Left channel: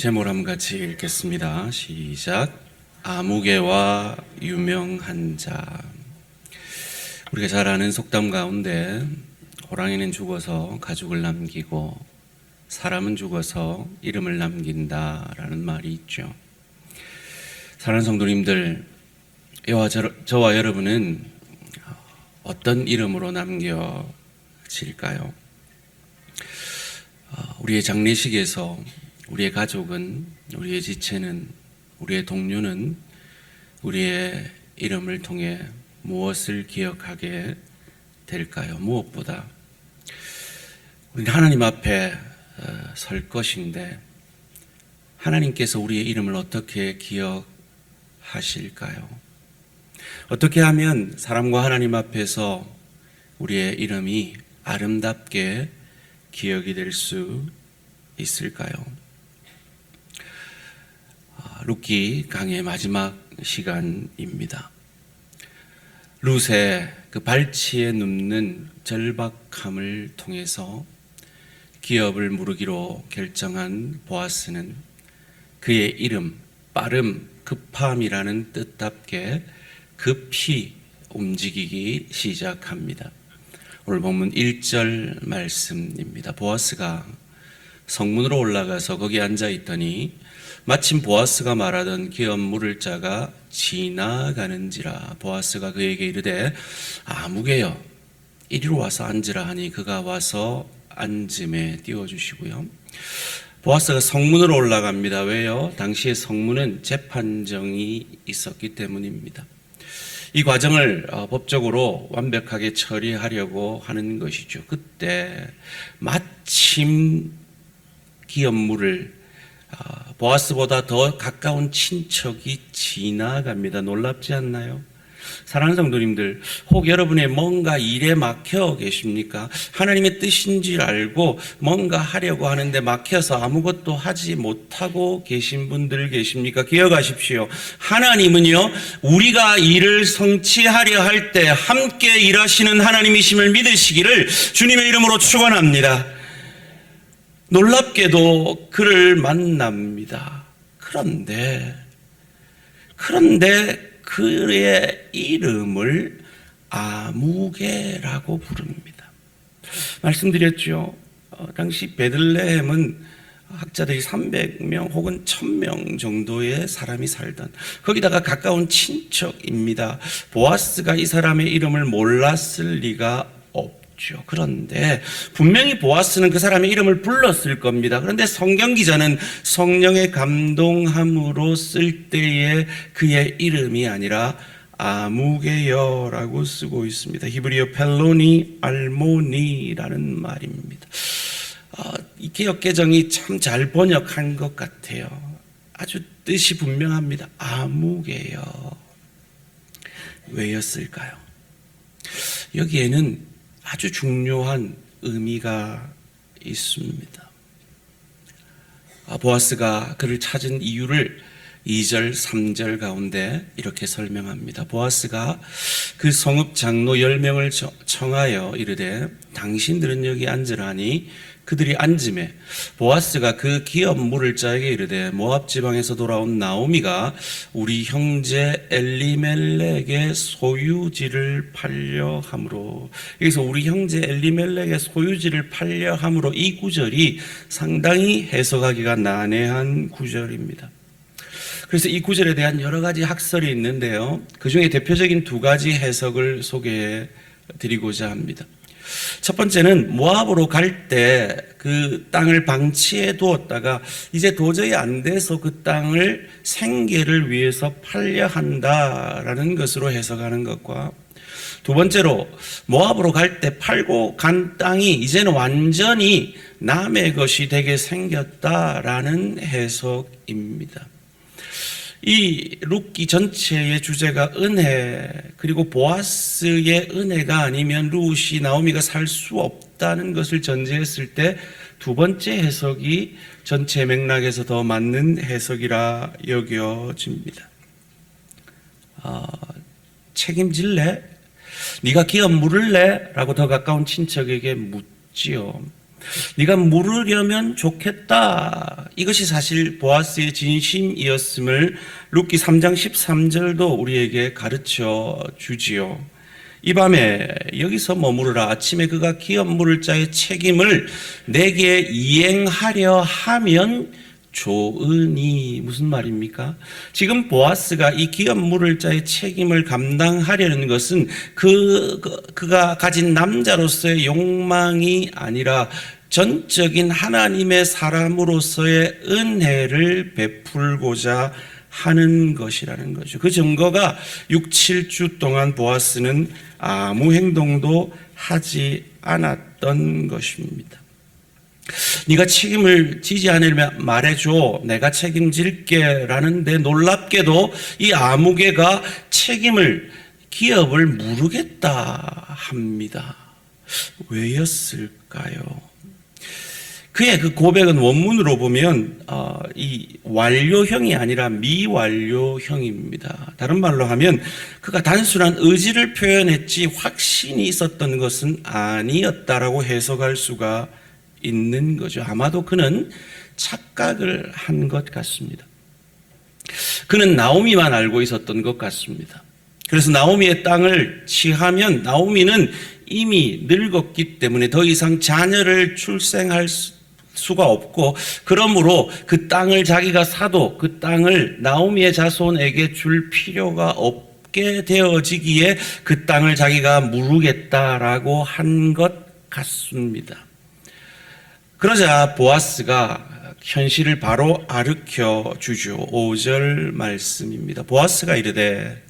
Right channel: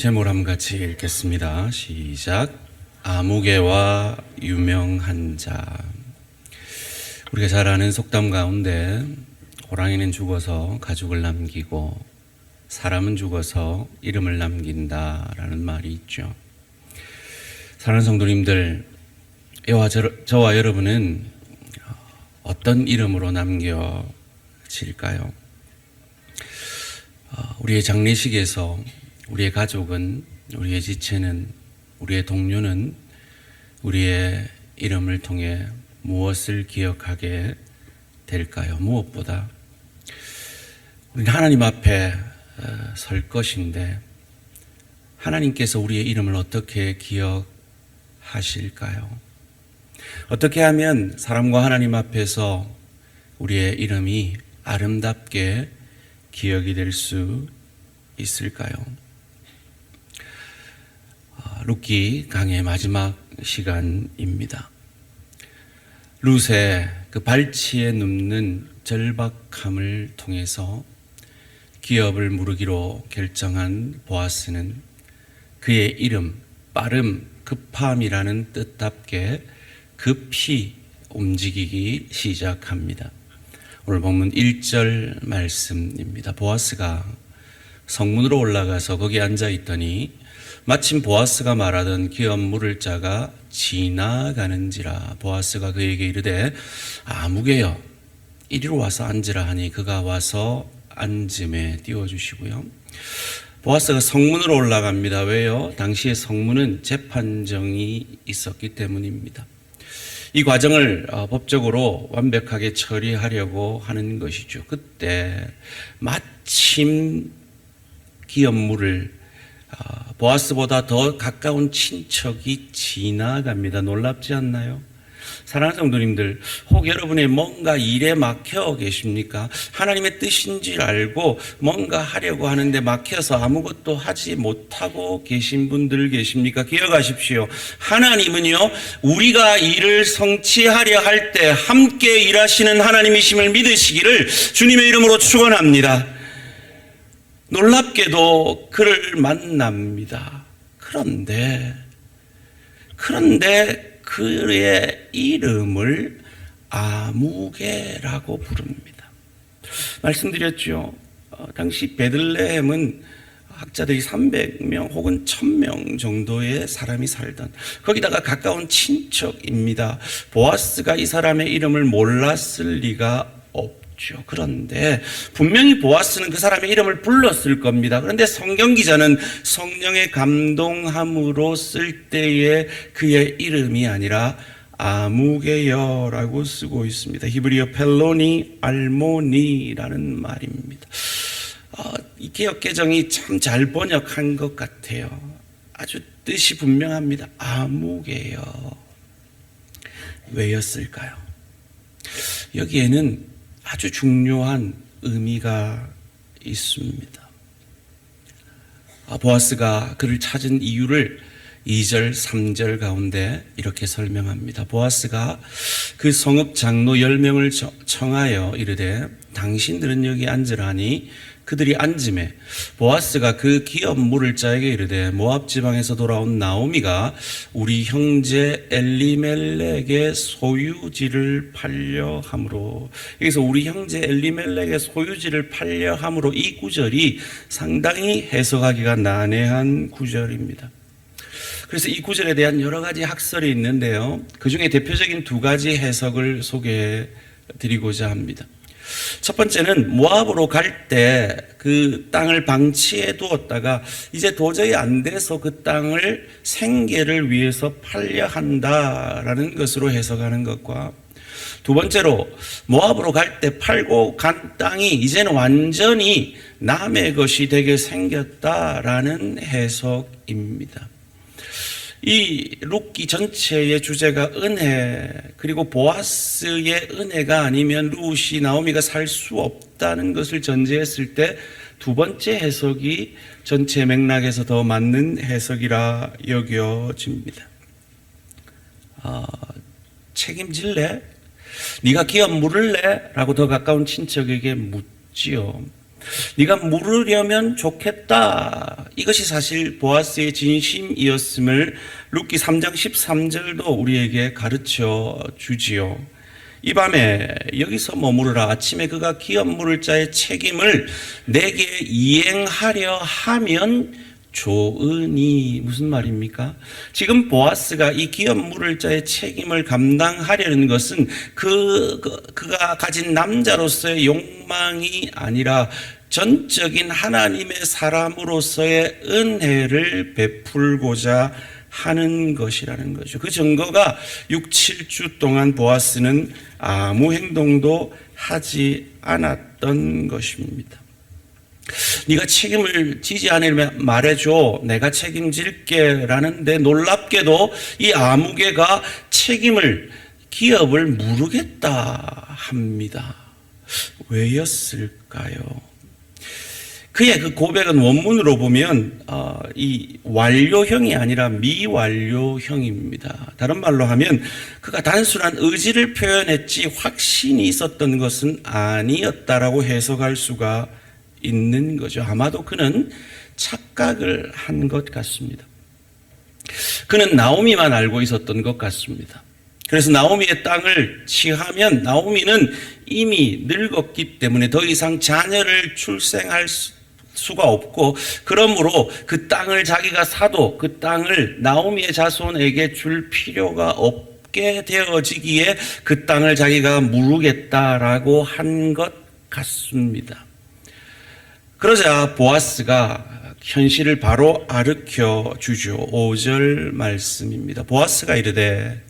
제목을 한번 같이 읽겠습니다. 시작. 아무개와 유명한 자. 우리가 잘 아는 속담 가운데 호랑이는 죽어서 가죽을 남기고 사람은 죽어서 이름을 남긴다라는 말이 있죠. 사랑하는 성도님들, 저와 여러분은 어떤 이름으로 남겨질까요? 우리의 장례식에서 우리의 가족은, 우리의 지체는, 우리의 동료는 우리의 이름을 통해 무엇을 기억하게 될까요? 무엇보다 우리는 하나님 앞에 설 것인데 하나님께서 우리의 이름을 어떻게 기억하실까요? 어떻게 하면 사람과 하나님 앞에서 우리의 이름이 아름답게 기억이 될 수 있을까요? 룻기 강의 마지막 시간입니다. 룻의 그 발치에 눕는 절박함을 통해서 기업을 무르기로 결정한 보아스는 그의 이름, 빠름, 급함이라는 뜻답게 급히 움직이기 시작합니다. 오늘 본문 1절 말씀입니다. 보아스가 성문으로 올라가서 거기 앉아 있더니 마침 보아스가 말하던 기업 물을 자가 지나가는지라. 보아스가 그에게 이르되 아무개여 이리로 와서 앉으라 하니 그가 와서 앉음에 띄워주시고요. 보아스가 성문으로 올라갑니다. 왜요? 당시에 성문은 재판정이 있었기 때문입니다. 이 과정을 법적으로 완벽하게 처리하려고 하는 것이죠. 그때 마침 기업물을 보아스보다 더 가까운 친척이 지나갑니다. 놀랍지 않나요? 사랑하는 성도님들, 혹 여러분의 뭔가 일에 막혀 계십니까? 하나님의 뜻인 줄 알고 뭔가 하려고 하는데 막혀서 아무것도 하지 못하고 계신 분들 계십니까? 기억하십시오. 하나님은요, 우리가 일을 성취하려 할 때 함께 일하시는 하나님이심을 믿으시기를 주님의 이름으로 축원합니다. 놀랍게도 그를 만납니다. 그런데 그의 이름을 아무개라고 부릅니다. 말씀드렸죠. 당시 베들레헴은 학자들이 300명 혹은 1000명 정도의 사람이 살던, 거기다가 가까운 친척입니다. 보아스가 이 사람의 이름을 몰랐을 리가 없죠. 그런데 분명히 보아스는 그 사람의 이름을 불렀을 겁니다. 그런데 성경 기자는 성령의 감동함으로 쓸 때에 그의 이름이 아니라 아무개여라고 쓰고 있습니다. 히브리어 펠로니 알모니라는 말입니다. 이 개역개정이 참 잘 번역한 것 같아요. 아주 뜻이 분명합니다. 아무개여. 왜였을까요? 여기에는 아주 중요한 의미가 있습니다. 보아스가 그를 찾은 이유를 2절, 3절 가운데 이렇게 설명합니다. 보아스가 그 성읍 장로 10명을 청하여 이르되 당신들은 여기 앉으라 하니 그들이 앉음에 보아스가 그 기업 물을 자에게 이르되 모압 지방에서 돌아온 나오미가 우리 형제 엘리멜렉의 소유지를 팔려 함으로, 여기서 우리 형제 엘리멜렉의 소유지를 팔려 함으로, 이 구절이 상당히 해석하기가 난해한 구절입니다. 그래서 이 구절에 대한 여러 가지 학설이 있는데요, 그 중에 대표적인 두 가지 해석을 소개해 드리고자 합니다. 첫 번째는 모압으로 갈 때 그 땅을 방치해 두었다가 이제 도저히 안 돼서 그 땅을 생계를 위해서 팔려 한다라는 것으로 해석하는 것과, 두 번째로 모압으로 갈 때 팔고 간 땅이 이제는 완전히 남의 것이 되게 생겼다라는 해석입니다. 이 룻기 전체의 주제가 은혜, 그리고 보아스의 은혜가 아니면 룻이 나오미가 살 수 없다는 것을 전제했을 때 두 번째 해석이 전체 맥락에서 더 맞는 해석이라 여겨집니다. 책임질래? 네가 기업 물을래? 라고 더 가까운 친척에게 묻지요. 네가 물으려면 좋겠다. 이것이 사실 보아스의 진심이었음을 룻기 3장 13절도 우리에게 가르쳐 주지요. 이 밤에 여기서 머무르라. 아침에 그가 기업 물을 자의 책임을 내게 이행하려 하면 좋으니. 무슨 말입니까? 지금 보아스가 이 기업 물을 자의 책임을 감당하려는 것은 그가 가진 남자로서의 욕망이 아니라 전적인 하나님의 사람으로서의 은혜를 베풀고자 하는 것이라는 거죠. 그 증거가 6, 7주 동안 보아스는 아무 행동도 하지 않았던 것입니다. 네가 책임을 지지 않으면 말해줘. 내가 책임질게 라는데 놀랍게도 이 아무개가 기업을 물으겠다 합니다. 왜였을까요? 그의 그 고백은 원문으로 보면 이 완료형이 아니라 미완료형입니다. 다른 말로 하면 그가 단순한 의지를 표현했지 확신이 있었던 것은 아니었다라고 해석할 수가 있는 거죠. 아마도 그는 착각을 한 것 같습니다. 그는 나오미만 알고 있었던 것 같습니다. 그래서 나오미의 땅을 취하면 나오미는 이미 늙었기 때문에 더 이상 자녀를 출생할 수가 없고, 그러므로 그 땅을 자기가 사도 그 땅을 나오미의 자손에게 줄 필요가 없게 되어지기에 그 땅을 자기가 물으겠다라고 한 것 같습니다. 그러자 보아스가 현실을 바로 아르켜 주죠. 5절 말씀입니다. 보아스가 이르되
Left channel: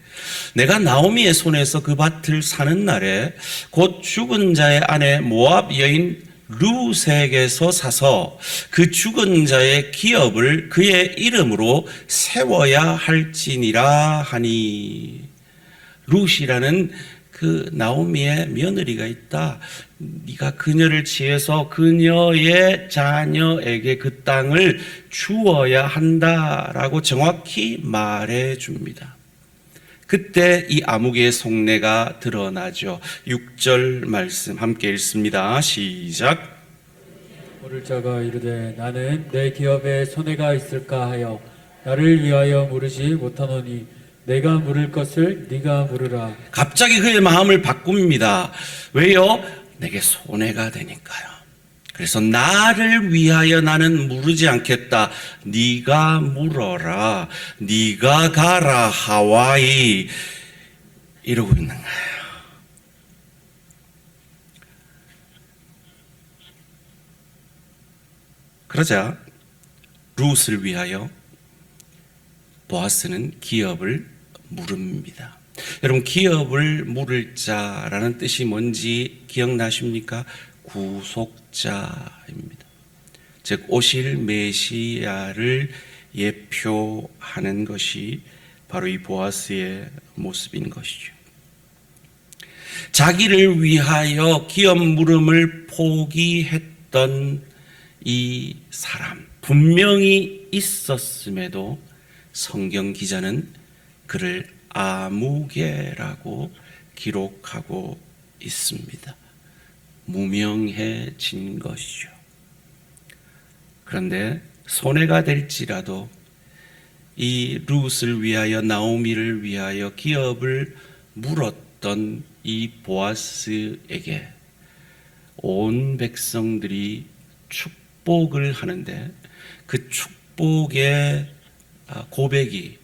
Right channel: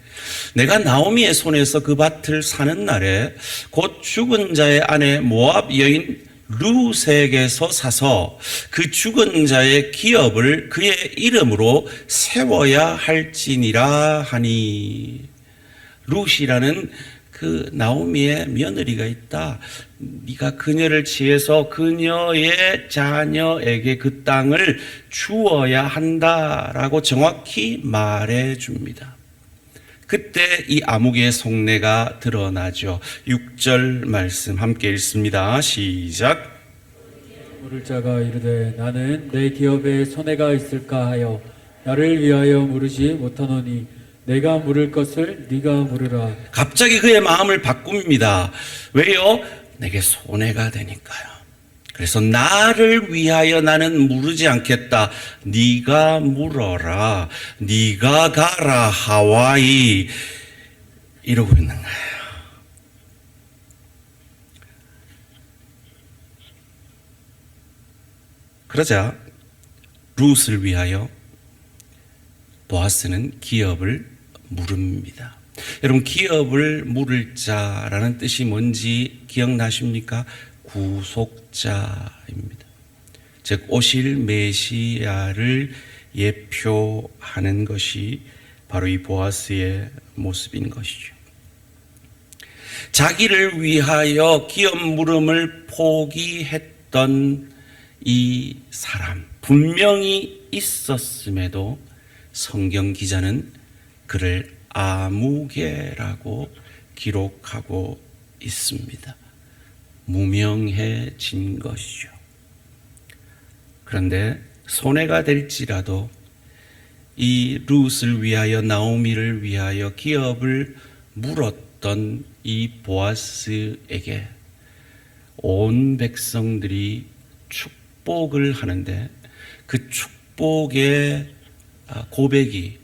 내가 나오미의 손에서 그 밭을 사는 날에 곧 죽은 자의 아내 모압 여인 룻에게서 사서 그 죽은 자의 기업을 그의 이름으로 세워야 할지니라 하니. 룻이라는 그 나오미의 며느리가 있다. 네가 그녀를 취해서 그녀의 자녀에게 그 땅을 주어야 한다라고 정확히 말해 줍니다. 그때 이 아무개의 속내가 드러나죠. 6절 말씀 함께 읽습니다. 시작. 물을 자가 이르되 나는 내 기업에 손해가 있을까 하여 나를 위하여 물으지 못하노니 내가 물을 것을 네가 물으라. 갑자기 그의 마음을 바꿉니다. 왜요? 내게 손해가 되니까요. 그래서 나를 위하여 나는 물으지 않겠다. 네가 물어라. 네가 가라 하와이. 이러고 있는 거예요. 그러자 룻을 위하여 보아스는 기업을 물읍니다. 여러분, 기업을 물을 자라는 뜻이 뭔지 기억나십니까? 구속자입니다. 즉 오실 메시아를 예표하는 것이 바로 이 보아스의 모습인 것이죠. 자기를 위하여 기업 물음을 포기했던 이 사람, 분명히 있었음에도 성경 기자는 그를 아무개라고 기록하고 있습니다. 무명해진 것이죠. 그런데 손해가 될지라도 이 룻을 위하여 나오미를 위하여 기업을 물었던 이 보아스에게 온 백성들이 축복을 하는데 그 축복의 고백이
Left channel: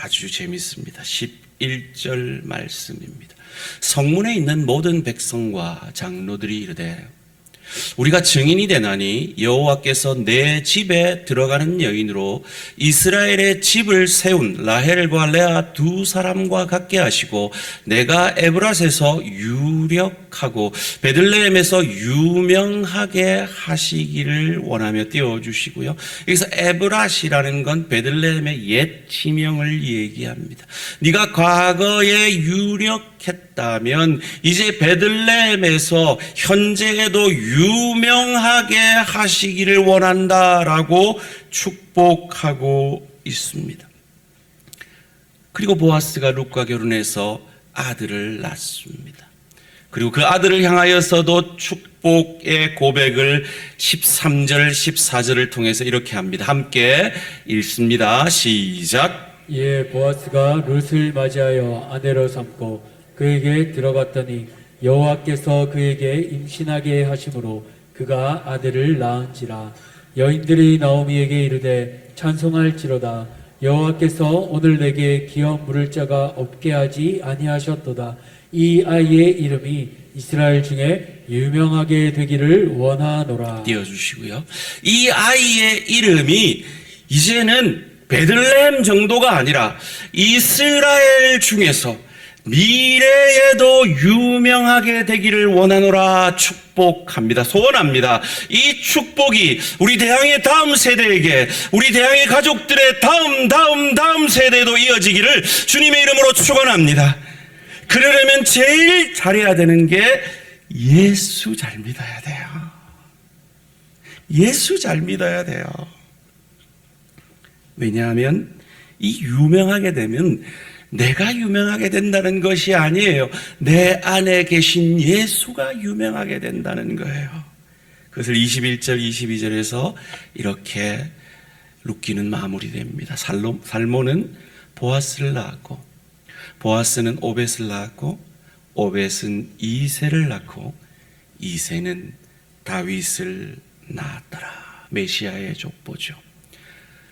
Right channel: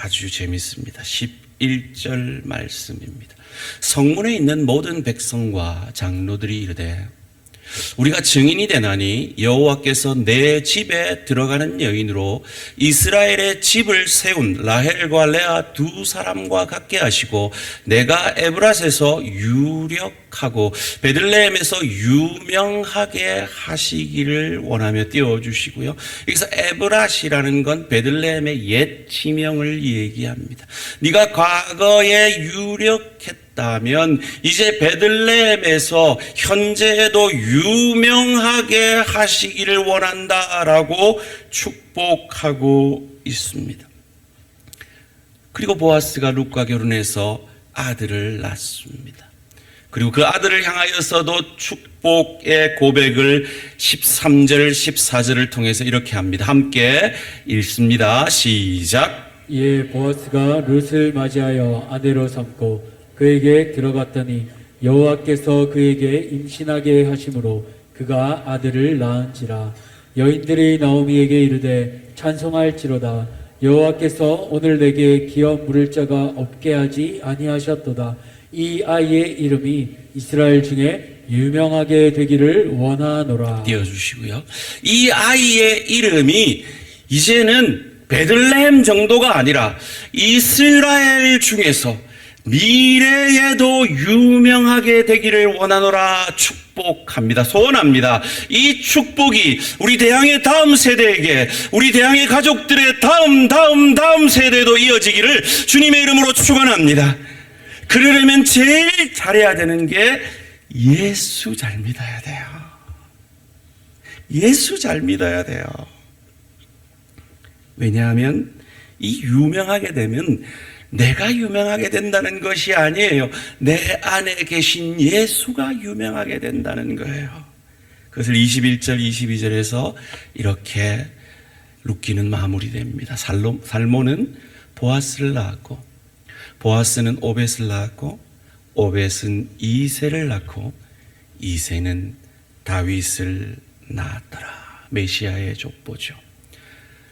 아주 재밌습니다. 11절 말씀입니다. 성문에 있는 모든 백성과 장로들이 이르되 우리가 증인이 되나니 여호와께서 내 집에 들어가는 여인으로 이스라엘의 집을 세운 라헬과 레아 두 사람과 같게 하시고 내가 에브라스에서 유력하고 베들레헴에서 유명하게 하시기를 원하며 띄워주시고요. 여기서 에브라시라는 건 베들레헴의 옛 지명을 얘기합니다. 네가 과거에 유력했다면 이제 베들레헴에서 현재에도 유명하게 하시기를 원한다라고 축복하고 있습니다. 그리고 보아스가 룻과 결혼해서 아들을 낳습니다. 그리고 그 아들을 향하여서도 축복의 고백을 13절, 14절을 통해서 이렇게 합니다. 함께 읽습니다. 시작. 이에 보아스가 룻을 맞이하여 아내로 삼고 그에게 들어갔더니 여호와께서 그에게 임신하게 하심으로 그가 아들을 낳은지라. 여인들이 나오미에게 이르되 찬송할지로다. 여호와께서 오늘 내게 기업 물을 자가 없게 하지 아니하셨도다. 이 아이의 이름이 이스라엘 중에 유명하게 되기를 원하노라. 띄워주시고요. 이 아이의 이름이 이제는 베들레헴 정도가 아니라 이스라엘 중에서 미래에도 유명하게 되기를 원하노라. 축복합니다. 소원합니다. 이 축복이 우리 대항의 다음 세대에게, 우리 대항의 가족들의 다음 세대에도 이어지기를 주님의 이름으로 축원합니다. 그러려면 제일 잘해야 되는 게 예수 잘 믿어야 돼요. 예수 잘 믿어야 돼요. 왜냐하면 이 유명하게 되면 내가 유명하게 된다는 것이 아니에요. 내 안에 계신 예수가 유명하게 된다는 거예요. 그것을 21절, 22절에서 이렇게 룻기는 마무리됩니다. 살모는 보아스를 낳았고, 보아스는 오벳을 낳았고, 오벳은 이새를 낳고, 이새는 다윗을 낳았더라. 메시아의 족보죠.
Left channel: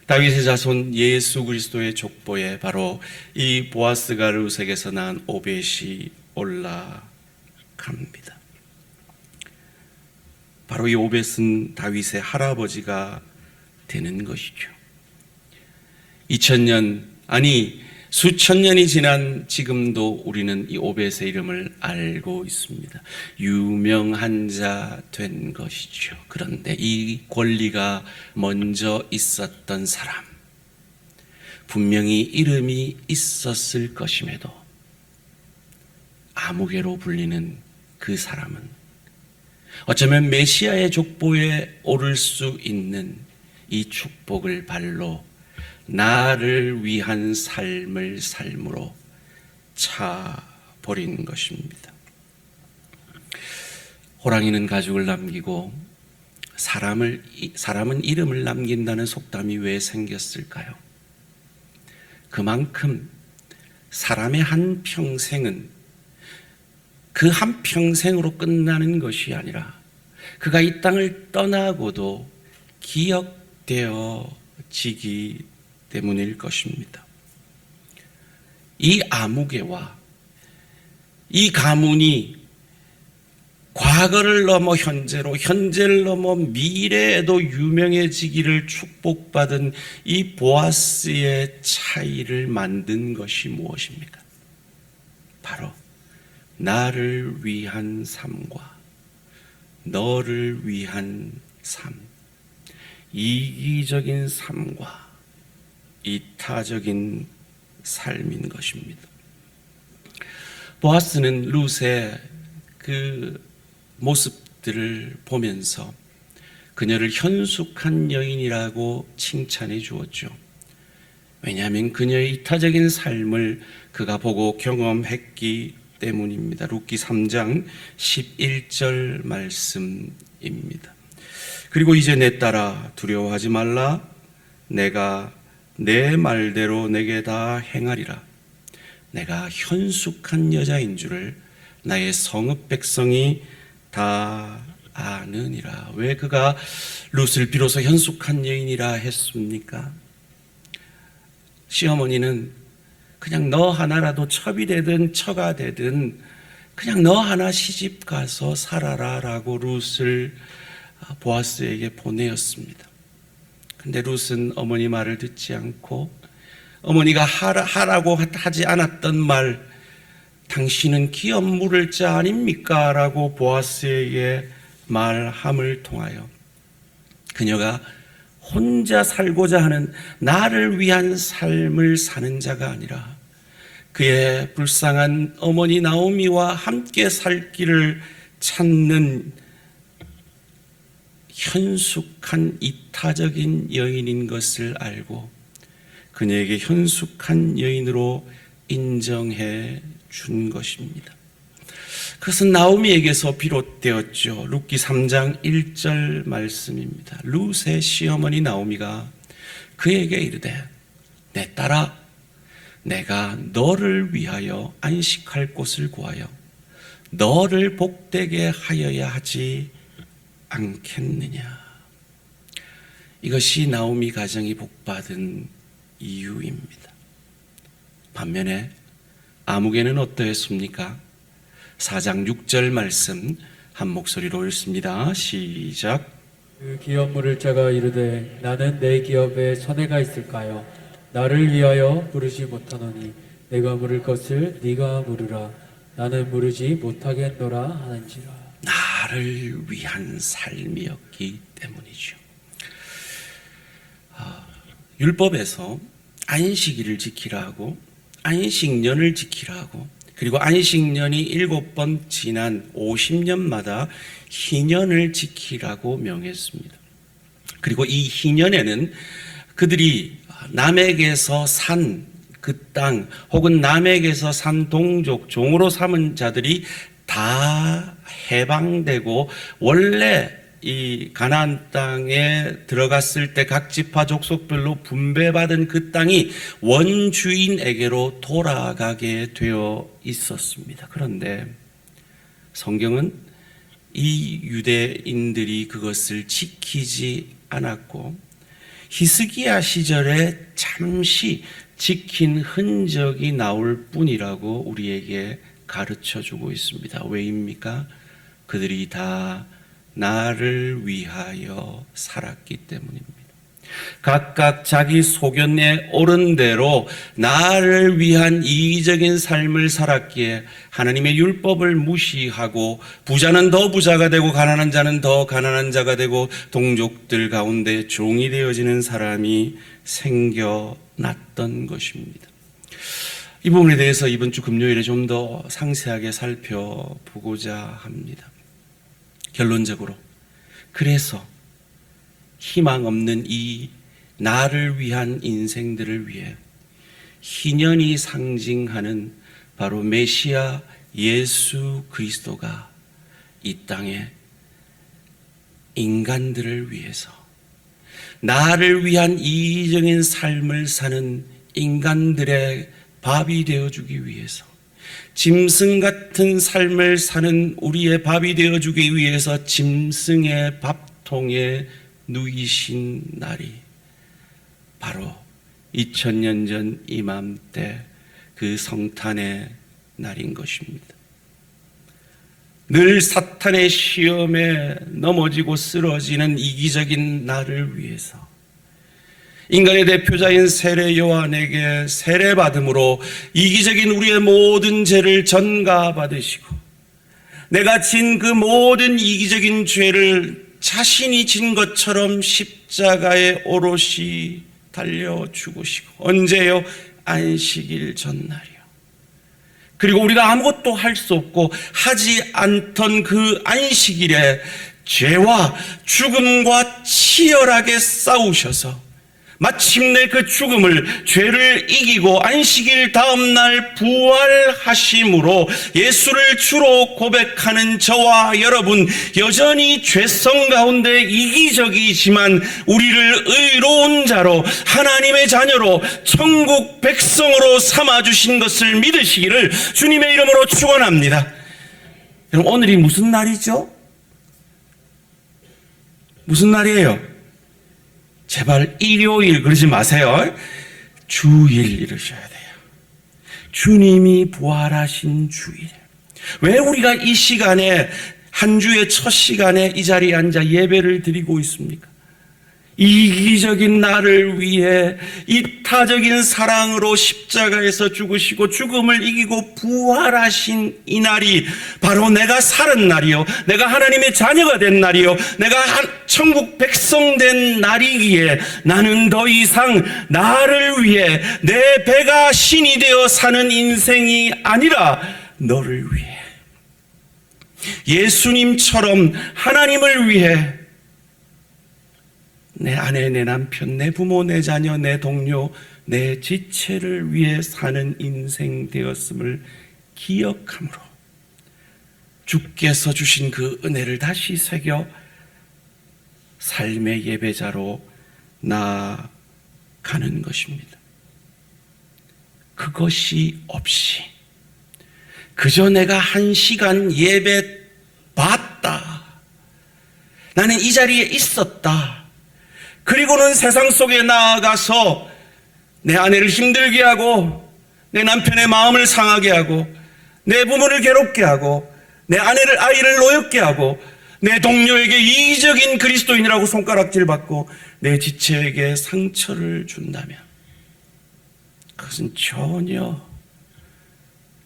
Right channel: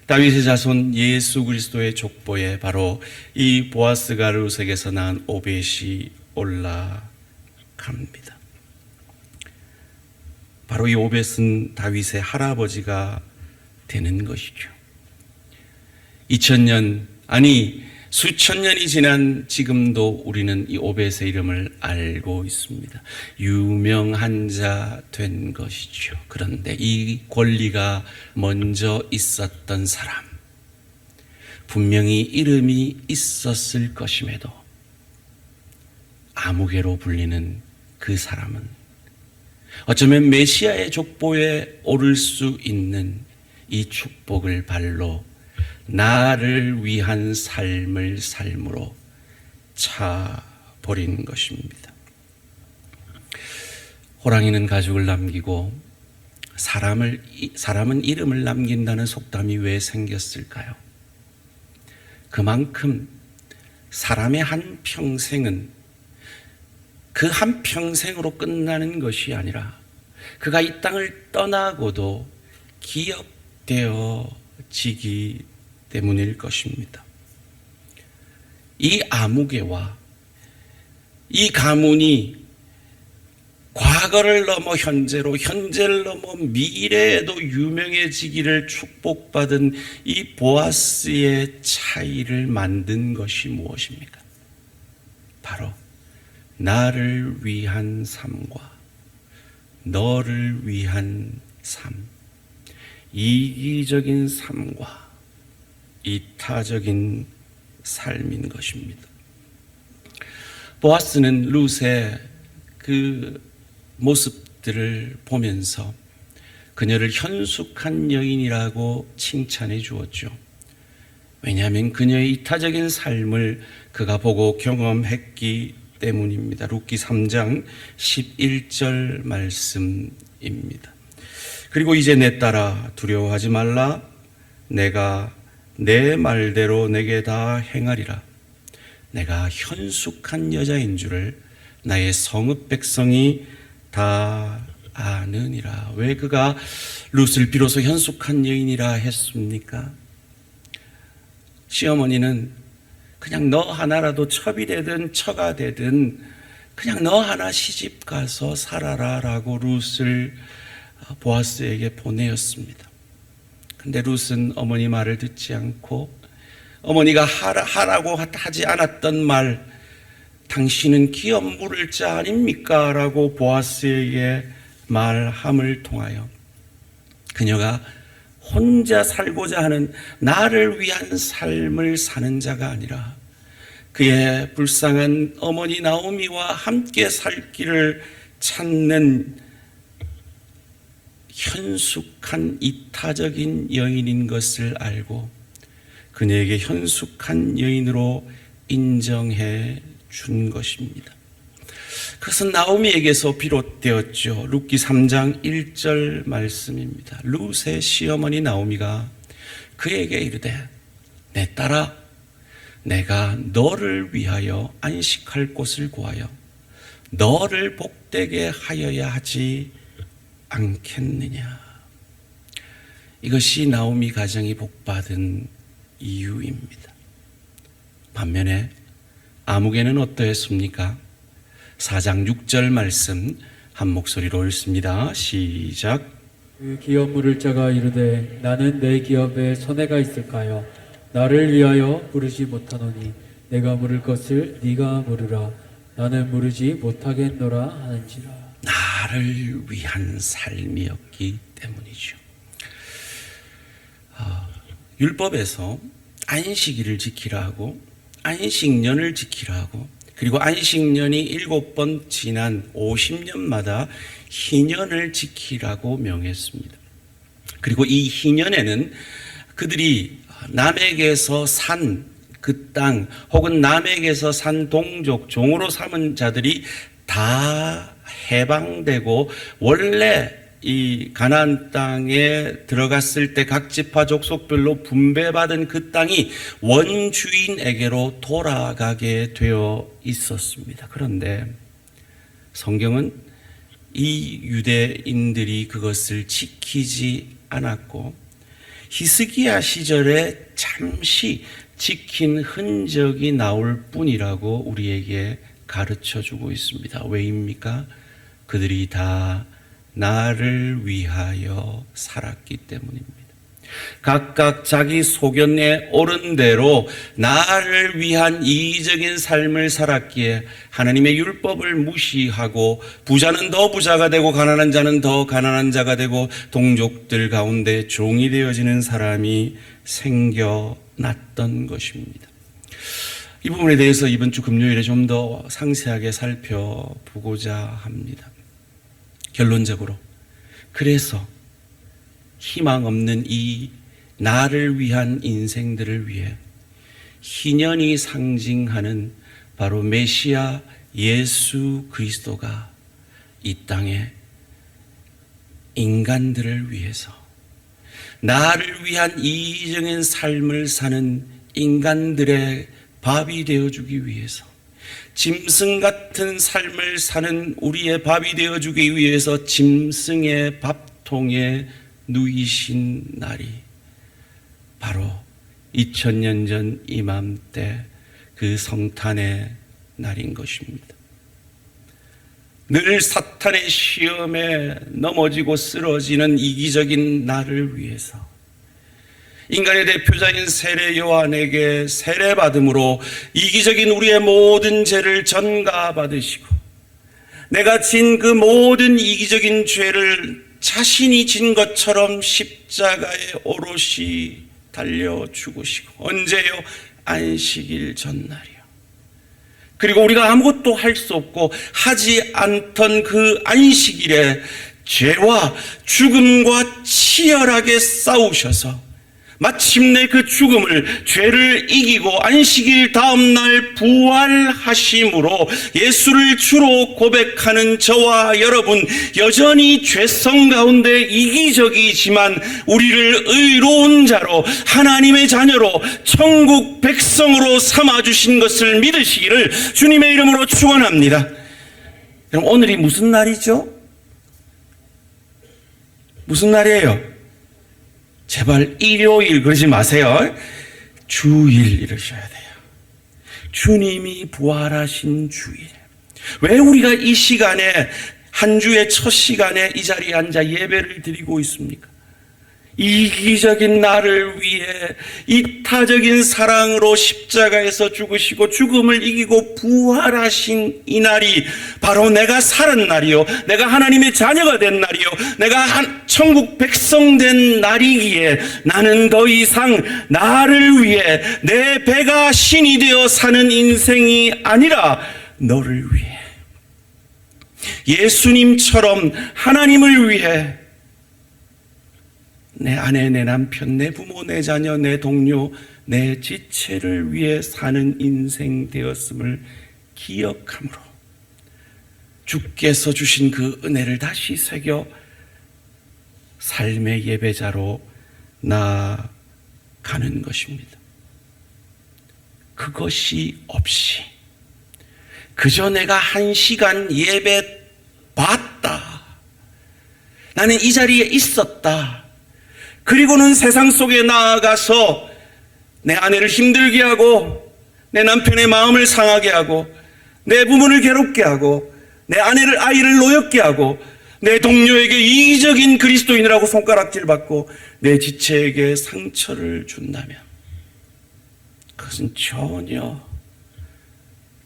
다윗의 자손 예수 그리스도의 족보에 바로 이 보아스가 룻에게서 낳은 오벳이 올라갑니다. 바로 이 오벳은 다윗의 할아버지가 되는 것이죠. 2000년, 아니 수천 년이 지난 지금도 우리는 이 오벳의 이름을 알고 있습니다. 유명한 자 된 것이죠. 그런데 이 권리가 먼저 있었던 사람, 분명히 이름이 있었을 것임에도 아무개로 불리는 그 사람은 어쩌면 메시아의 족보에 오를 수 있는 이 축복을 발로 나를 위한 삶을 삶으로 차버린 것입니다. 호랑이는 가죽을 남기고 사람은 이름을 남긴다는 속담이 왜 생겼을까요? 그만큼 사람의 한 평생은 그 한 평생으로 끝나는 것이 아니라 그가 이 땅을 떠나고도 기억되어지기 때문일 것입니다. 이 아무개와 이 가문이 과거를 넘어 현재로, 현재를 넘어 미래에도 유명해지기를 축복받은 이 보아스의 차이를 만든 것이 무엇입니까? 바로 나를 위한 삶과 너를 위한 삶, 이기적인 삶과 이타적인 삶인 것입니다. 보아스는 룻의 그 모습들을 보면서 그녀를 현숙한 여인이라고 칭찬해 주었죠. 왜냐하면 그녀의 이타적인 삶을 그가 보고 경험했기 때문입니다. 룻기 3장 11절 말씀입니다. 그리고 이제 내 딸아 두려워하지 말라. 내가 내 말대로 내게 다 행하리라. 내가 현숙한 여자인 줄을 나의 성읍 백성이 다 아느니라. 왜 그가 룻을 비로소 현숙한 여인이라 했습니까? 시어머니는 그냥 너 하나라도 첩이 되든 처가 되든 그냥 너 하나 시집 가서 살아라 라고 룻을 보아스에게 보내었습니다. 근데 룻은 어머니 말을 듣지 않고 어머니가 하라고 하지 않았던 말, 당신은 기업 물을 자 아닙니까? 라고 보아스에게 말함을 통하여 그녀가 혼자 살고자 하는 나를 위한 삶을 사는 자가 아니라 그의 불쌍한 어머니 나오미와 함께 살 길을 찾는 현숙한 이타적인 여인인 것을 알고 그녀에게 현숙한 여인으로 인정해 준 것입니다. 그것은 나오미에게서 비롯되었죠. 룻기 3장 1절 말씀입니다. 룻의 시어머니 나오미가 그에게 이르되 내 딸아 내가 너를 위하여 안식할 곳을 구하여 너를 복되게 하여야 하지 않겠느냐. 이것이 나오미 가정이 복받은 이유입니다. 반면에 아무개는 어떠했습니까? 4장 6절 말씀 한 목소리로 읽습니다. 시작. 그 기업 물을 자가 이르되 나는 내 기업에 손해가 있을까요? 나를 위하여 부르지 못하노니 내가 물을 것을 네가 물으라. 나는 물으지 못하겠노라 하는지라. 나를 위한 삶이었기 때문이죠. 율법에서 안식일을 지키라 하고 안식년을 지키라 하고 그리고 안식년이 7번 지난 50년마다 희년을 지키라고 명했습니다. 그리고 이 희년에는 그들이 남에게서 산 그 땅 혹은 남에게서 산 동족 종으로 삼은 자들이 다 해방되고 원래 이 가나안 땅에 들어갔을 때 각 지파 족속별로 분배받은 그 땅이 원주인에게로 돌아가게 되어 있었습니다. 그런데 성경은 이 유대인들이 그것을 지키지 않았고 히스기야 시절에 잠시 지킨 흔적이 나올 뿐이라고 우리에게 가르쳐주고 있습니다. 왜입니까? 그들이 다 나를 위하여 살았기 때문입니다. 각각 자기 소견에 옳은 대로 나를 위한 이기적인 삶을 살았기에 하나님의 율법을 무시하고 부자는 더 부자가 되고 가난한 자는 더 가난한 자가 되고 동족들 가운데 종이 되어지는 사람이 생겨났던 것입니다. 이 부분에 대해서 이번 주 금요일에 좀 더 상세하게 살펴보고자 합니다. 결론적으로 그래서 희망 없는 이 나를 위한 인생들을 위해 희년이 상징하는 바로 메시아 예수 그리스도가 이 땅에 인간들을 위해서 나를 위한 이기적인 삶을 사는 인간들의 밥이 되어주기 위해서 짐승 같은 삶을 사는 우리의 밥이 되어주기 위해서 짐승의 밥통에 누이신 날이 바로 2000년 전 이맘때 그 성탄의 날인 것입니다. 늘 사탄의 시험에 넘어지고 쓰러지는 이기적인 나를 위해서 인간의 대표자인 세례 요한에게 세례받음으로 이기적인 우리의 모든 죄를 전가받으시고 내가 진 그 모든 이기적인 죄를 자신이 진 것처럼 십자가에 오롯이 달려 죽으시고 언제요? 안식일 전날이요. 그리고 우리가 아무것도 할 수 없고 하지 않던 그 안식일에 죄와 죽음과 치열하게 싸우셔서 마침내 그 죽음을 죄를 이기고 안식일 다음 날 부활하심으로 예수를 주로 고백하는 저와 여러분 여전히 죄성 가운데 이기적이지만 우리를 의로운 자로 하나님의 자녀로 천국 백성으로 삼아주신 것을 믿으시기를 주님의 이름으로 축원합니다. 여러분 오늘이 무슨 날이죠? 무슨 날이에요? 제발 일요일 그러지 마세요. 주일 이러셔야 돼요. 주님이 부활하신 주일. 왜 우리가 이 시간에 한 주의 첫 시간에 이 자리에 앉아 예배를 드리고 있습니까? 이기적인 나를 위해 이타적인 사랑으로 십자가에서 죽으시고 죽음을 이기고 부활하신 이 날이 바로 내가 살은 날이요 내가 하나님의 자녀가 된 날이요 내가 천국 백성 된 날이기에 나는 더 이상 나를 위해 내 배가 신이 되어 사는 인생이 아니라 너를 위해 예수님처럼 하나님을 위해 내 아내, 내 남편, 내 부모, 내 자녀, 내 동료, 내 지체를 위해 사는 인생 되었음을 기억함으로 주께서 주신 그 은혜를 다시 새겨 삶의 예배자로 나아가는 것입니다. 그것이 없이 그저 내가 1시간 예배 봤다, 나는 이 자리에 있었다, 그리고는 세상 속에 나아가서 내 아내를 힘들게 하고 내 남편의 마음을 상하게 하고 내 부모를 괴롭게 하고 내 아이를 노엽게 하고 내 동료에게 이기적인 그리스도인이라고 손가락질 받고 내 지체에게 상처를 준다면 그것은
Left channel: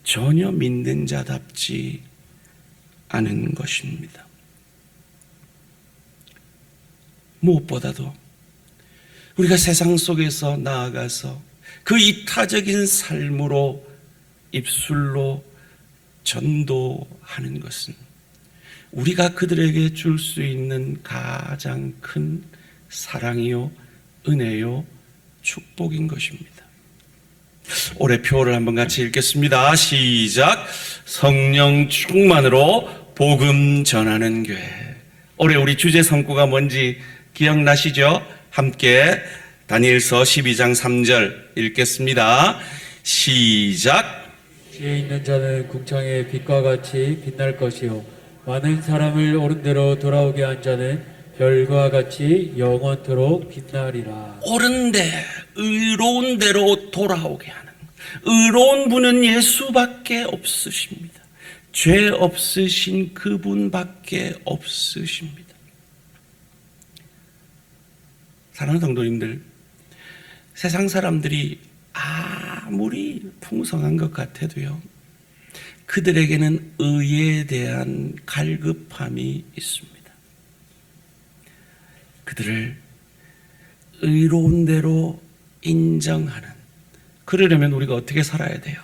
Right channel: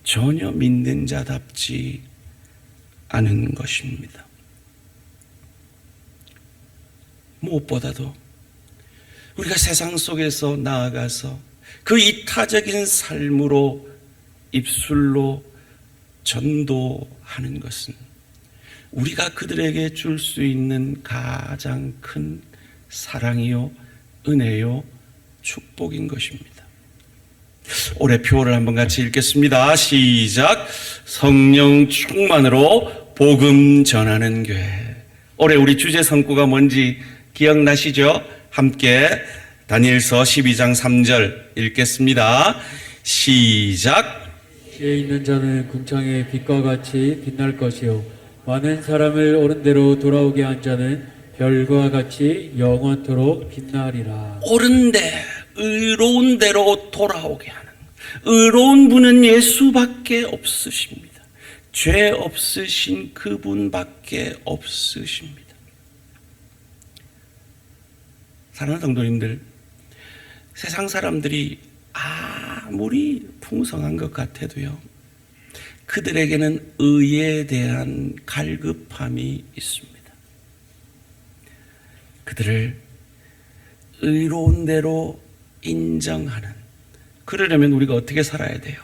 전혀 믿는 자답지 않은 것입니다. 무엇보다도 우리가 세상 속에서 나아가서 그 이타적인 삶으로 입술로 전도하는 것은 우리가 그들에게 줄 수 있는 가장 큰 사랑이요, 은혜요, 축복인 것입니다. 올해 표를 한번 같이 읽겠습니다. 시작. 성령 충만으로 복음 전하는 교회. 올해 우리 주제 성구가 뭔지 기억나시죠? 함께 다니엘서 12장 3절 읽겠습니다. 시작. 지혜 있는 자는 궁창의 빛과 같이 빛날 것이요 많은 사람을 옳은 대로 돌아오게 한 자는 별과 같이 영원토록 빛나리라. 옳은 데, 의로운 대로 돌아오게 하는, 의로운 분은 예수밖에 없으십니다. 죄 없으신 그분밖에 없으십니다. 사랑하는 성도님들, 세상 사람들이 아무리 풍성한 것 같아도요, 그들에게는 의에 대한 갈급함이 있습니다. 그들을 의로운 대로 인정하는, 그러려면 우리가 어떻게 살아야 돼요?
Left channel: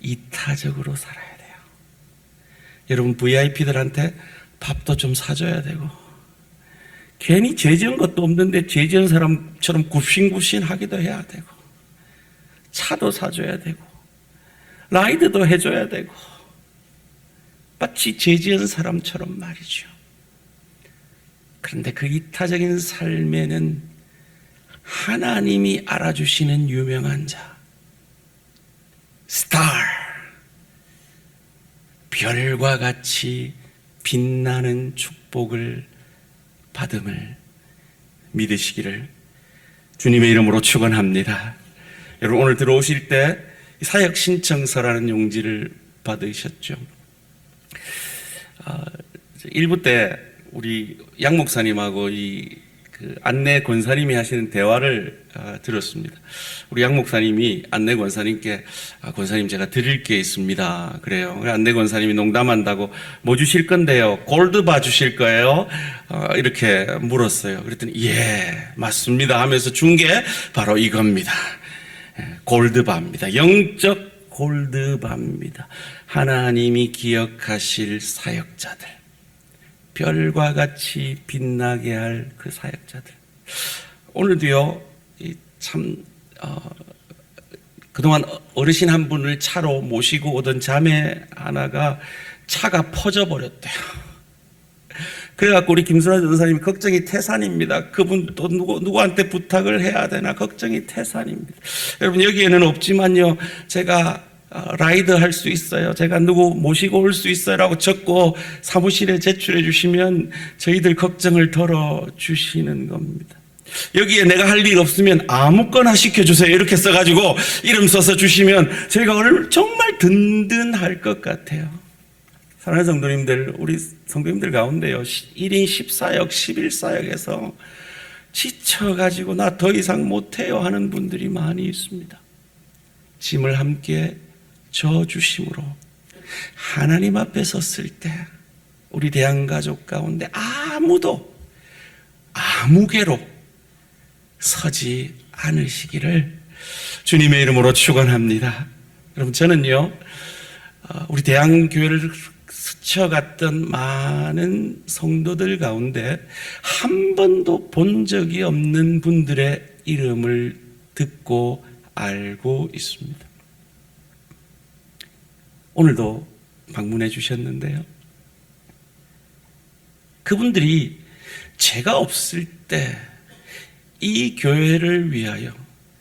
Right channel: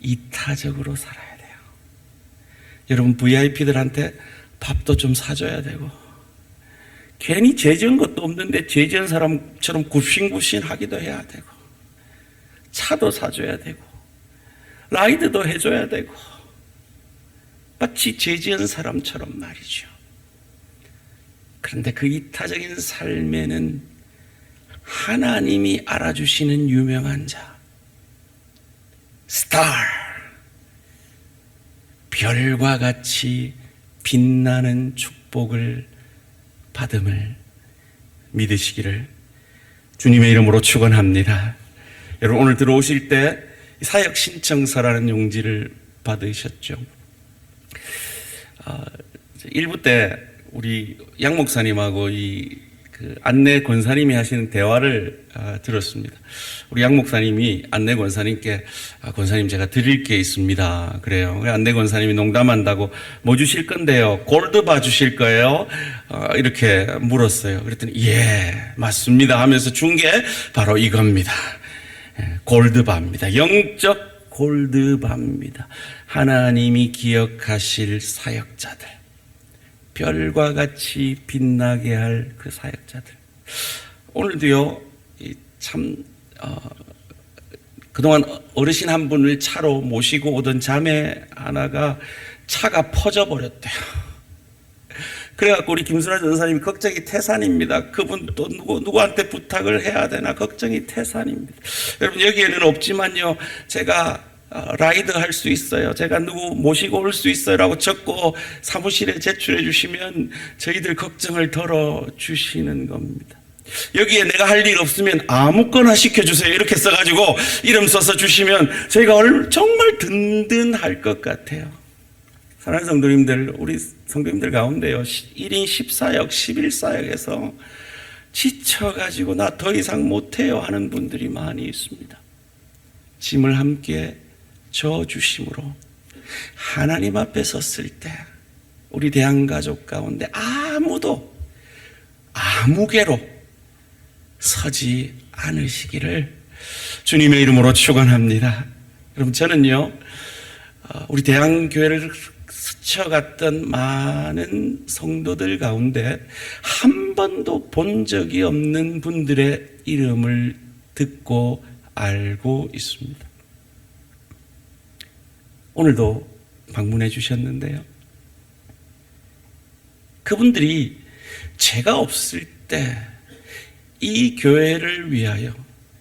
이타적으로 살아야 돼요. 여러분, VIP들한테 밥도 좀 사줘야 되고, 괜히 죄 지은 것도 없는데 죄 지은 사람처럼 굽신굽신하기도 해야 되고, 차도 사줘야 되고, 라이드도 해줘야 되고, 마치 죄 지은 사람처럼 말이죠. 그런데 그 이타적인 삶에는 하나님이 알아주시는 유명한 자, 스타, 별과 같이 빛나는 축복을 받음을 믿으시기를 주님의 이름으로 축원합니다. 여러분, 오늘 들어오실 때 사역 신청서라는 용지를 받으셨죠? 1부 때 우리 양 목사님하고 그 안내 권사님이 하시는 대화를 들었습니다. 우리 양 목사님이 안내 권사님께 권사님, 제가 드릴 게 있습니다. 그래요. 안내 권사님이 농담한다고 뭐 주실 건데요? 골드바 주실 거예요? 이렇게 물었어요. 그랬더니 예, 맞습니다 하면서 준 게 바로 이겁니다. 골드바입니다. 영적 골드바입니다. 하나님이 기억하실 사역자들, 별과 같이 빛나게 할 그 사역자들. 오늘도요, 참 그동안 어르신 한 분을 차로 모시고 오던 자매 하나가 차가 퍼져버렸대요. 그래갖고 우리 김순아 전사님이 걱정이 태산입니다. 그분 또 누구한테 부탁을 해야 되나 걱정이 태산입니다. 여러분, 여기에는 없지만요, 제가 라이드 할 수 있어요, 제가 누구 모시고 올 수 있어요 라고 적고 사무실에 제출해 주시면 저희들 걱정을 덜어주시는 겁니다. 여기에 내가 할 일 없으면 아무거나 시켜주세요 이렇게 써가지고 이름 써서 주시면 저희가 정말 든든할 것 같아요. 사랑하는 성도님들, 우리 성도님들 가운데요, 1인 10사역, 11사역에서 지쳐가지고 나 더 이상 못해요 하는 분들이 많이 있습니다. 짐을 함께 져주심으로 하나님 앞에 섰을 때 우리 대한가족 가운데 아무개로 서지 않으시기를 주님의 이름으로 축원합니다. 여러분, 저는요, 우리 대한교회를 스쳐갔던 많은 성도들 가운데 한 번도 본 적이 없는 분들의 이름을 듣고 알고 있습니다. 오늘도 방문해 주셨는데요, 그분들이 제가 없을 때 이 교회를 위하여,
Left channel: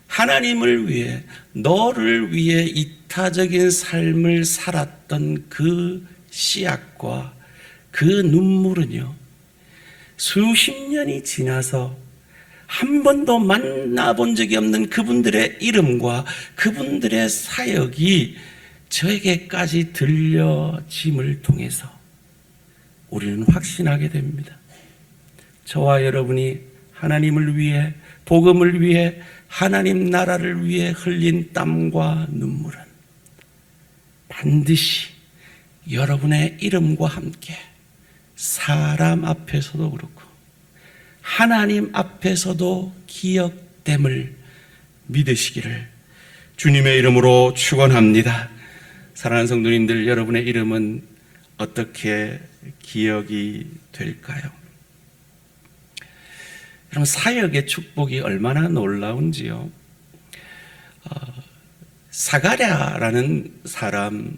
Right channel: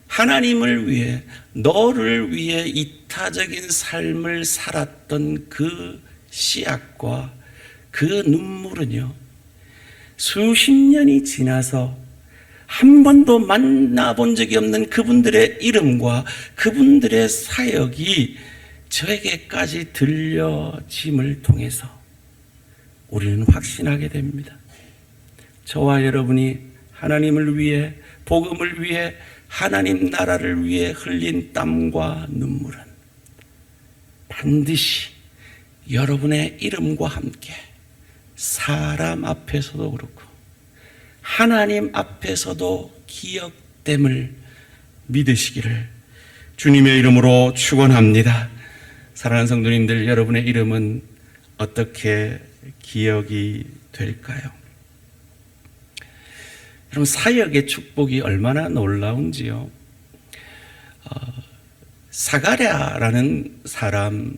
하나님을 위해, 너를 위해 이타적인 삶을 살았던 그 씨앗과 그 눈물은요, 수십 년이 지나서 한 번도 만나본 적이 없는 그분들의 이름과 그분들의 사역이 저에게까지 들려짐을 통해서 우리는 확신하게 됩니다. 저와 여러분이 하나님을 위해, 복음을 위해, 하나님 나라를 위해 흘린 땀과 눈물은 반드시 여러분의 이름과 함께 사람 앞에서도 그렇고 하나님 앞에서도 기억됨을 믿으시기를 주님의 이름으로 축원합니다. 사랑하는 성도님들, 여러분의 이름은 어떻게 기억이 될까요? 여러분, 사역의 축복이 얼마나 놀라운지요. 사가랴라는 사람,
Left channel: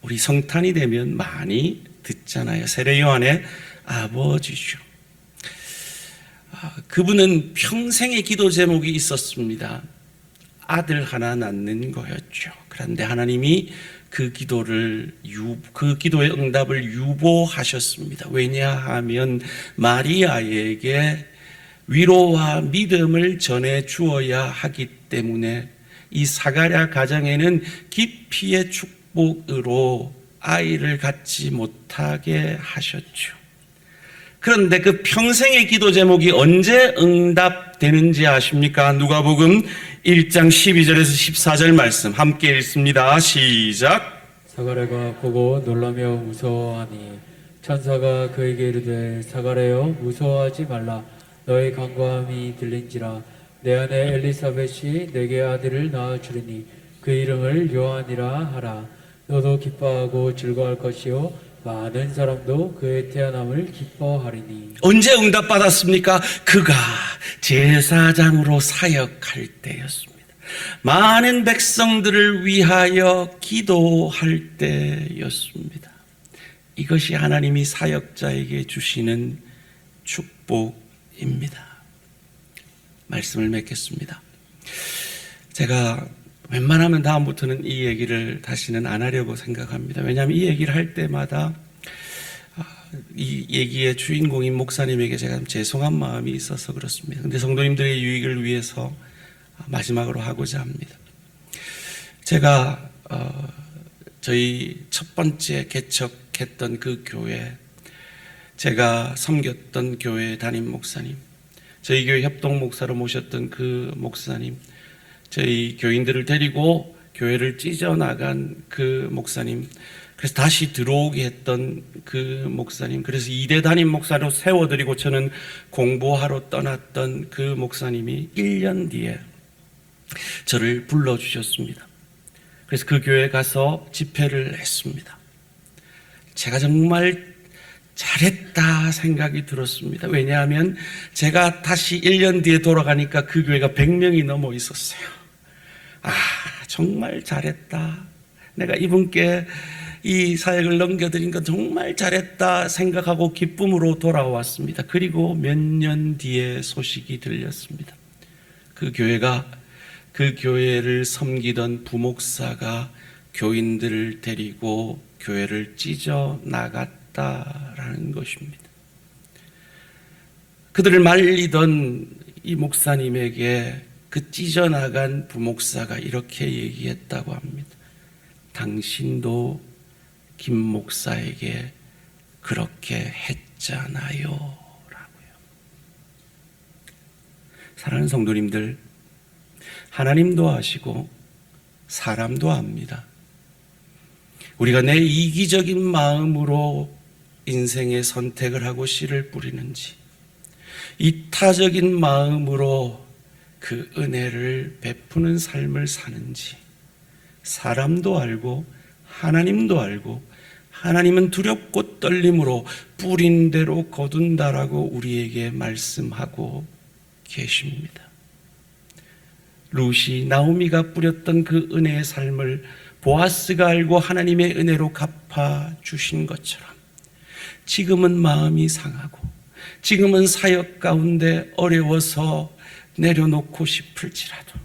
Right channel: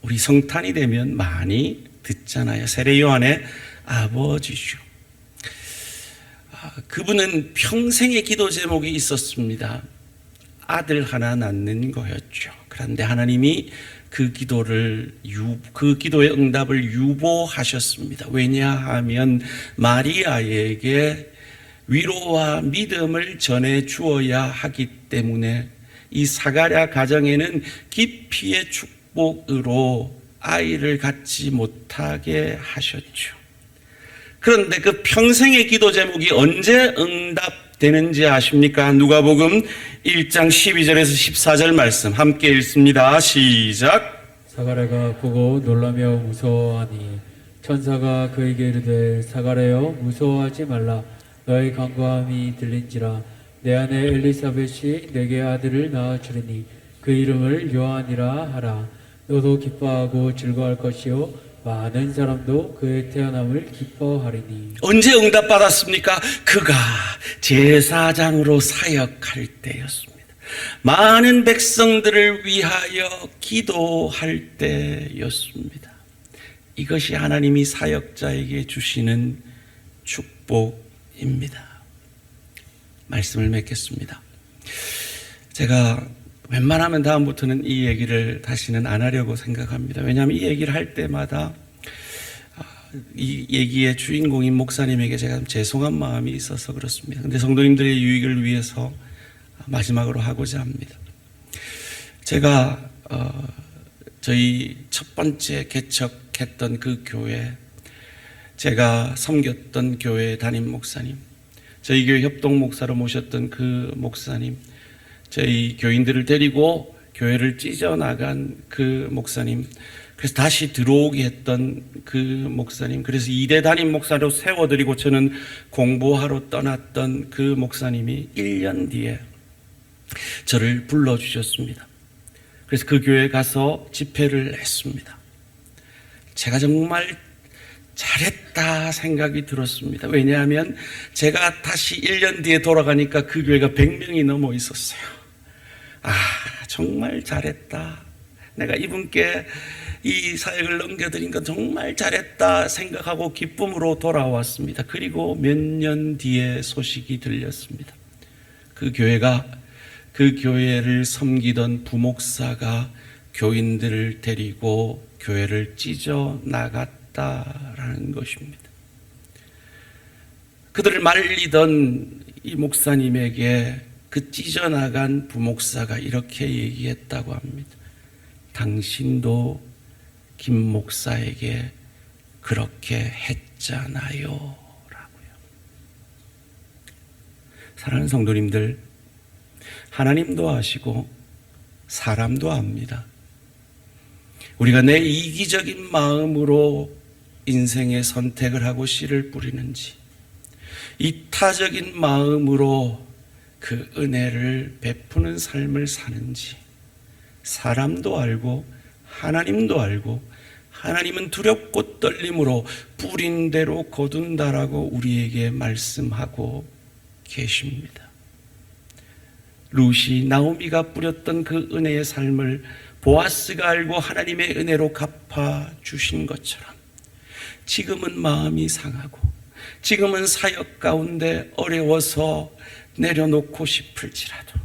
우리 성탄이 되면 많이 듣잖아요. 세례 요한의 아버지죠. 그분은 평생의 기도 제목이 있었습니다. 아들 하나 낳는 거였죠. 그런데 하나님이 그 기도의 응답을 유보하셨습니다. 왜냐하면 마리아에게 위로와 믿음을 전해 주어야 하기 때문에 이 사가랴 가정에는 기피의 축복으로 아이를 갖지 못하게 하셨죠. 그런데 그 평생의 기도 제목이 언제 응답되는지 아십니까? 누가복음 1장 12절에서 14절 말씀 함께 읽습니다. 시작. 사가랴가 보고 놀라며 무서워하니 천사가 그에게 이르되 사가랴여 무서워하지 말라. 너의 간구함이 들린지라. 내 아내 엘리사벳이 내게 아들을 낳아주리니 그 이름을 요한이라 하라. 너도 기뻐하고 즐거워할 것이요 많은 사람도 그의 태어남을 기뻐하리니. 언제 응답받았습니까? 그가 제사장으로 사역할 때였습니다. 많은 백성들을 위하여 기도할 때였습니다. 이것이 하나님이 사역자에게 주시는 축복입니다. 말씀을 맺겠습니다. 제가 웬만하면 다음부터는 이 얘기를 다시는 안 하려고 생각합니다. 왜냐하면 이 얘기를 할 때마다 이 얘기의 주인공인 목사님에게 제가 죄송한 마음이 있어서 그렇습니다. 그런데 성도님들의 유익을 위해서 마지막으로 하고자 합니다. 제가 저희 첫 번째 개척했던 그 교회, 제가 섬겼던 교회 담임 목사님, 저희 교회 협동 목사로 모셨던 그 목사님, 저희 교인들을 데리고 교회를 찢어나간 그 목사님, 그래서 다시 들어오게 했던 그 목사님, 그래서 2대 담임 목사로 세워드리고 저는 공부하러 떠났던 그 목사님이 1년 뒤에 저를 불러주셨습니다. 그래서 그 교회에 가서 집회를 했습니다. 제가 정말 잘했다 생각이 들었습니다. 왜냐하면 제가 다시 1년 뒤에 돌아가니까 그 교회가 100명이 넘어 있었어요. 정말 잘했다. 내가 이분께 이 사역을 넘겨드린 건 정말 잘했다 생각하고 기쁨으로 돌아왔습니다. 그리고 몇 년 뒤에 소식이 들렸습니다. 그 교회를 섬기던 부목사가 교인들을 데리고 교회를 찢어 나갔다라는 것입니다. 그들을 말리던 이 목사님에게 그 찢어나간 부목사가 이렇게 얘기했다고 합니다. 당신도 김 목사에게 그렇게 했잖아요 라고요. 사랑하는 성도님들, 하나님도 아시고 사람도 압니다. 우리가 내 이기적인 마음으로 인생의 선택을 하고 씨를 뿌리는지, 이타적인 마음으로 그 은혜를 베푸는 삶을 사는지 사람도 알고 하나님도 알고, 하나님은 두렵고 떨림으로 뿌린 대로 거둔다라고 우리에게 말씀하고 계십니다. 룻이 나오미가 뿌렸던 그 은혜의 삶을 보아스가 알고 하나님의 은혜로 갚아주신 것처럼 지금은 마음이 상하고 지금은 사역 가운데 어려워서 내려놓고 싶을지라도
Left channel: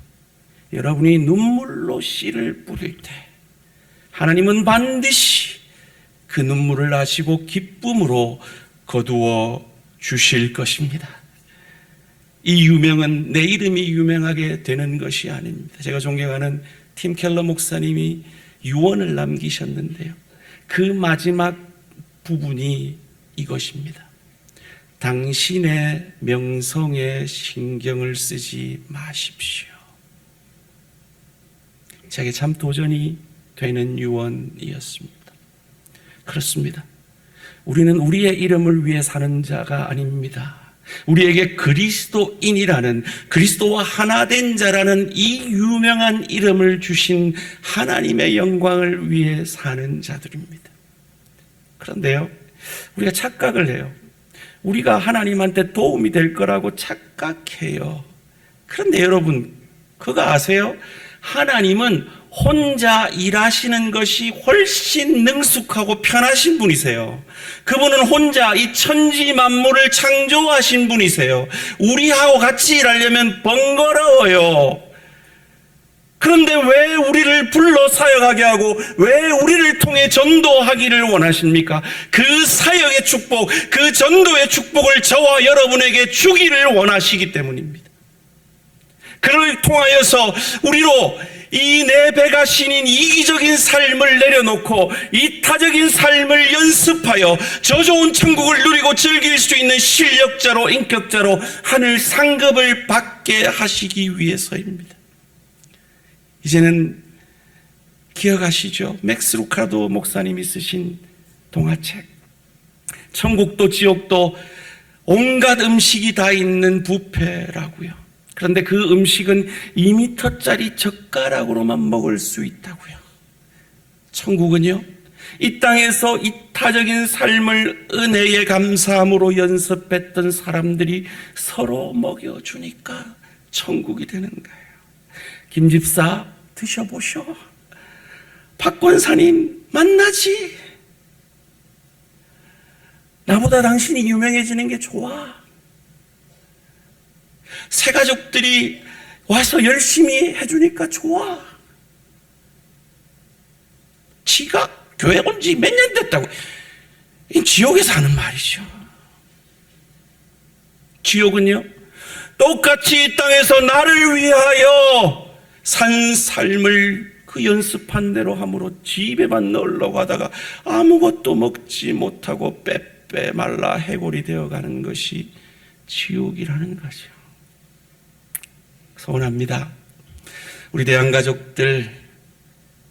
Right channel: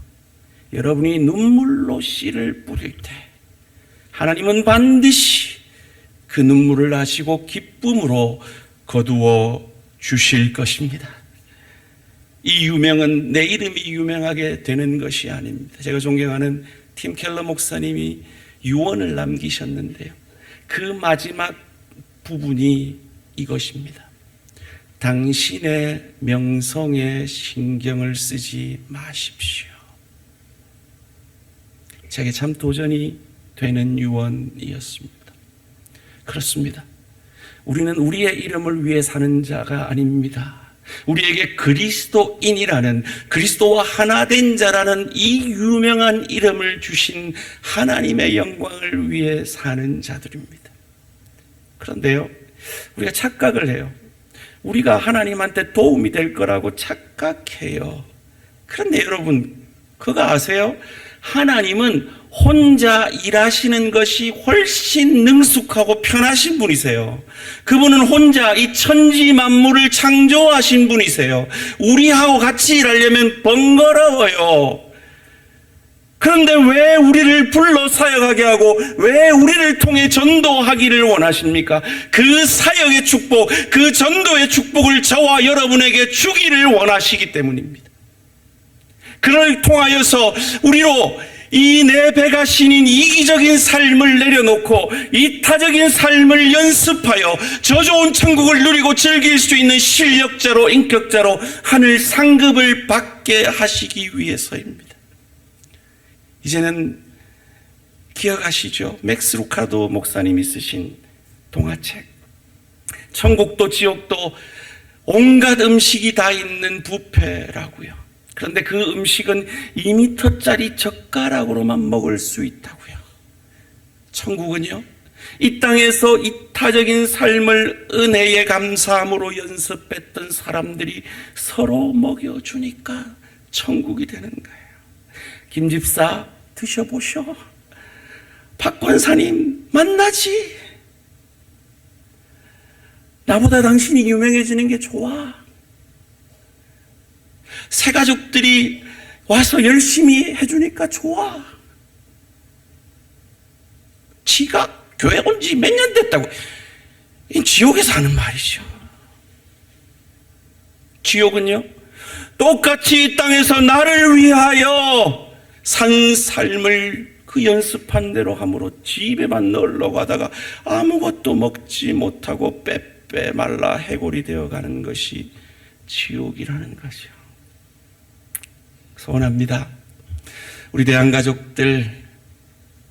여러분이 눈물로 씨를 뿌릴 때 하나님은 반드시 그 눈물을 아시고 기쁨으로 거두어 주실 것입니다. 이 유명은 내 이름이 유명하게 되는 것이 아닙니다. 제가 존경하는 팀 켈러 목사님이 유언을 남기셨는데요, 그 마지막 부분이 이것입니다. 당신의 명성에 신경을 쓰지 마십시오. 제게 참 도전이 되는 유언이었습니다. 그렇습니다. 우리는 우리의 이름을 위해 사는 자가 아닙니다. 우리에게 그리스도인이라는, 그리스도와 하나 된 자라는 이 유명한 이름을 주신 하나님의 영광을 위해 사는 자들입니다. 그런데요, 우리가 착각을 해요. 우리가 하나님한테 도움이 될 거라고 착각해요. 그런데 여러분, 그거 아세요? 하나님은 혼자 일하시는 것이 훨씬 능숙하고 편하신 분이세요. 그분은 혼자 이 천지 만물을 창조하신 분이세요. 우리하고 같이 일하려면 번거로워요. 그런데 왜 우리를 불러 사역하게 하고 왜 우리를 통해 전도하기를 원하십니까? 그 사역의 축복, 그 전도의 축복을 저와 여러분에게 주기를 원하시기 때문입니다. 그를 통하여서 우리로 이 내 배가 신인 이기적인 삶을 내려놓고 이타적인 삶을 연습하여 저 좋은 천국을 누리고 즐길 수 있는 실력자로, 인격자로 하늘 상급을 받게 하시기 위해서입니다. 이제는 기억하시죠? 맥스 루카도 목사님이 쓰신 동화책, 천국도 지옥도 온갖 음식이 다 있는 뷔페라고요. 그런데 그 음식은 2m짜리 젓가락으로만 먹을 수 있다고요. 천국은요, 이 땅에서 이타적인 삶을 은혜에 감사함으로 연습했던 사람들이 서로 먹여주니까 천국이 되는 거예요. 김 집사 드셔보셔. 박 권사님 만나지. 나보다 당신이 유명해지는 게 좋아. 새 가족들이 와서 열심히 해주니까 좋아. 지가 교회 온 지 몇 년 됐다고. 지옥에서 하는 말이죠. 지옥은요, 똑같이 이 땅에서 나를 위하여 산 삶을 그 연습한 대로 함으로 집에만 널러 가다가 아무것도 먹지 못하고 빼빼 말라 해골이 되어가는 것이 지옥이라는 거죠. 소원합니다. 우리 대한가족들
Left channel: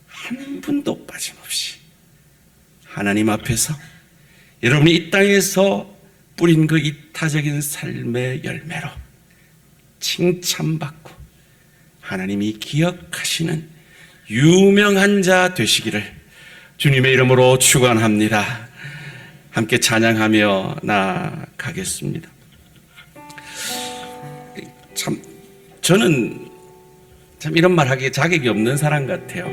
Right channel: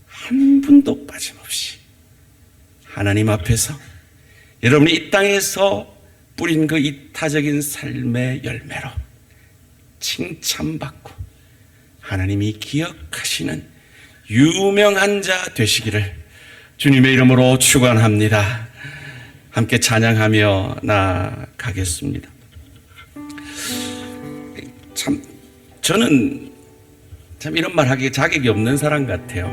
한 분도 빠짐없이 하나님 앞에서 여러분이 이 땅에서 뿌린 그 이타적인 삶의 열매로 칭찬받고 하나님이 기억하시는 유명한 자 되시기를 주님의 이름으로 축원합니다. 함께 찬양하며 나아가겠습니다. 참 저는 참 이런 말 하기에 자격이 없는 사람 같아요.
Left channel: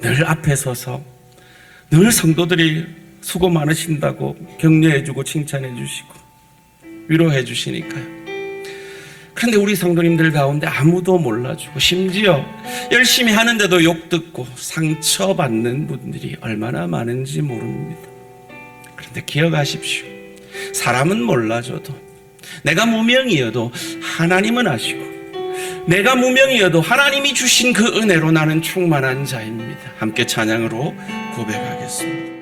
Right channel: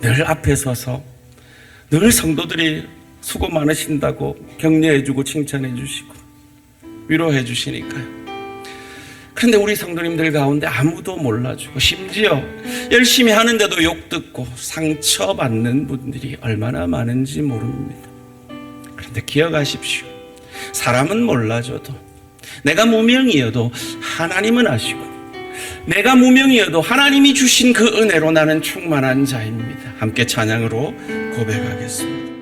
늘 앞에 서서 늘 성도들이 수고 많으신다고 격려해 주고 칭찬해 주시고 위로해 주시니까요. 그런데 우리 성도님들 가운데 아무도 몰라주고 심지어 열심히 하는데도 욕 듣고 상처받는 분들이 얼마나 많은지 모릅니다. 그런데 기억하십시오. 사람은 몰라줘도, 내가 무명이어도 하나님은 아시고, 내가 무명이어도 하나님이 주신 그 은혜로 나는 충만한 자입니다. 함께 찬양으로 고백하겠습니다.